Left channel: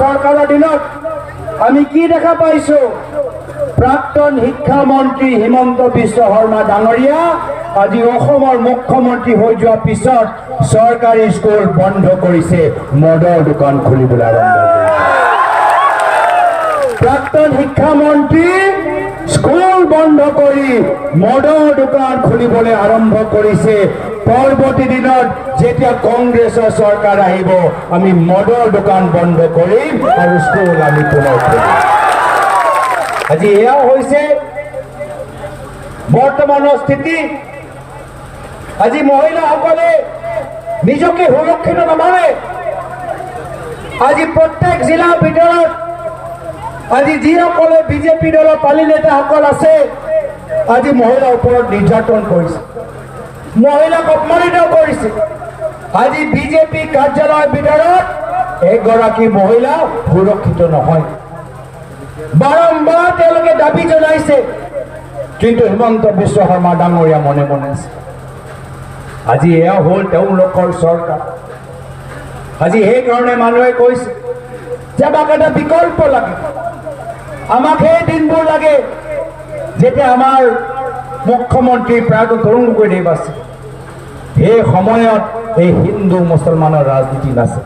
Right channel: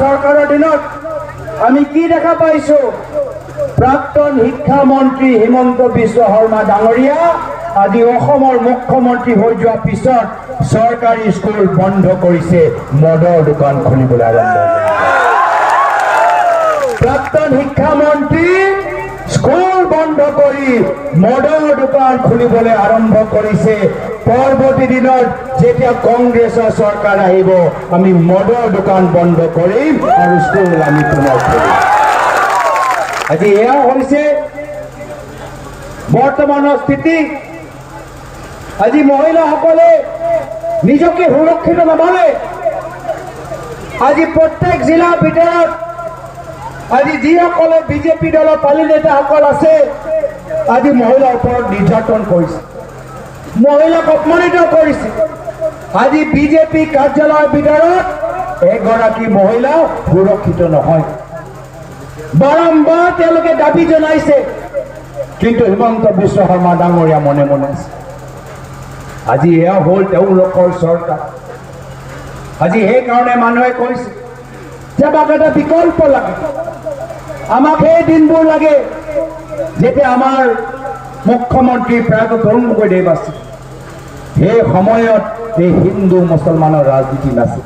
চৰকাৰৰ দিনত আমি কি দেখা পাইছো? প্ৰাক্তন শিক্ষামন্ত্ৰী হিমন্ত বিশ্ব শৰ্মা ডাঙৰীয়া আজি অসমৰ মুখ্যমন্ত্ৰী হৈ যোৱাৰ পিছত চৰকাৰী স্কুল বন্ধ কৰিছে, মদৰ দোকান খুলিবলৈ আৰম্ভ কৰিছে। প্ৰাক্তন শিক্ষামন্ত্ৰী স্কুল বন্ধ কৰি মদৰ দোকান খুলিবলৈ আৰম্ভ কৰিছে। পৰৱৰ্তী দিনত যেতিয়া কংগ্ৰেছৰ চৰকাৰ আহিব, আমি মদৰ দোকান বন্ধ কৰিম আৰু স্কুল আমি পুনৰ খুলিম। আজি এয়াও হৈছে বৰ্তমানৰ স্থিতি। আজি মহিলাসকলে নিজকে সুৰক্ষিত নাভাবে। আজি প্ৰত্যেক জিলাৰ ভিতৰত আজি যিসকলে বিজেপি দলৰ পালি নেতাসকল আছে, আজি মহিলাৰ ওপৰত নিৰ্যাতন কৰিছে, মহিলাক অপমানিত কৰিছে। আজি বিজেপি কাৰ্যালয়ৰ ভিতৰত এগৰাকী মহিলা সুৰক্ষিত নহয়। বাৰম্বাৰ তেওঁলোকে দাবী জনাইছে, কিন্তু হিমন্ত বিশ্ব শৰ্মা ডাঙৰীয়া মনে মনে আছে। আজি এয়া হ'ল তেওঁলোকৰ চৰকাৰ। আজি সেইকাৰণে মানুহে কৈছে যে আমাক এটা বিকল্প লাগে, আমাক সেই দিনবোৰ লাগে যেতিয়া আমাৰ মুখ্যমন্ত্ৰী প্ৰয়াত তৰুণ গগৈদেৱ আছিল। সেই সময়ত এই হিন্দু মুছলমানৰ ৰাজনীতি নাছিল।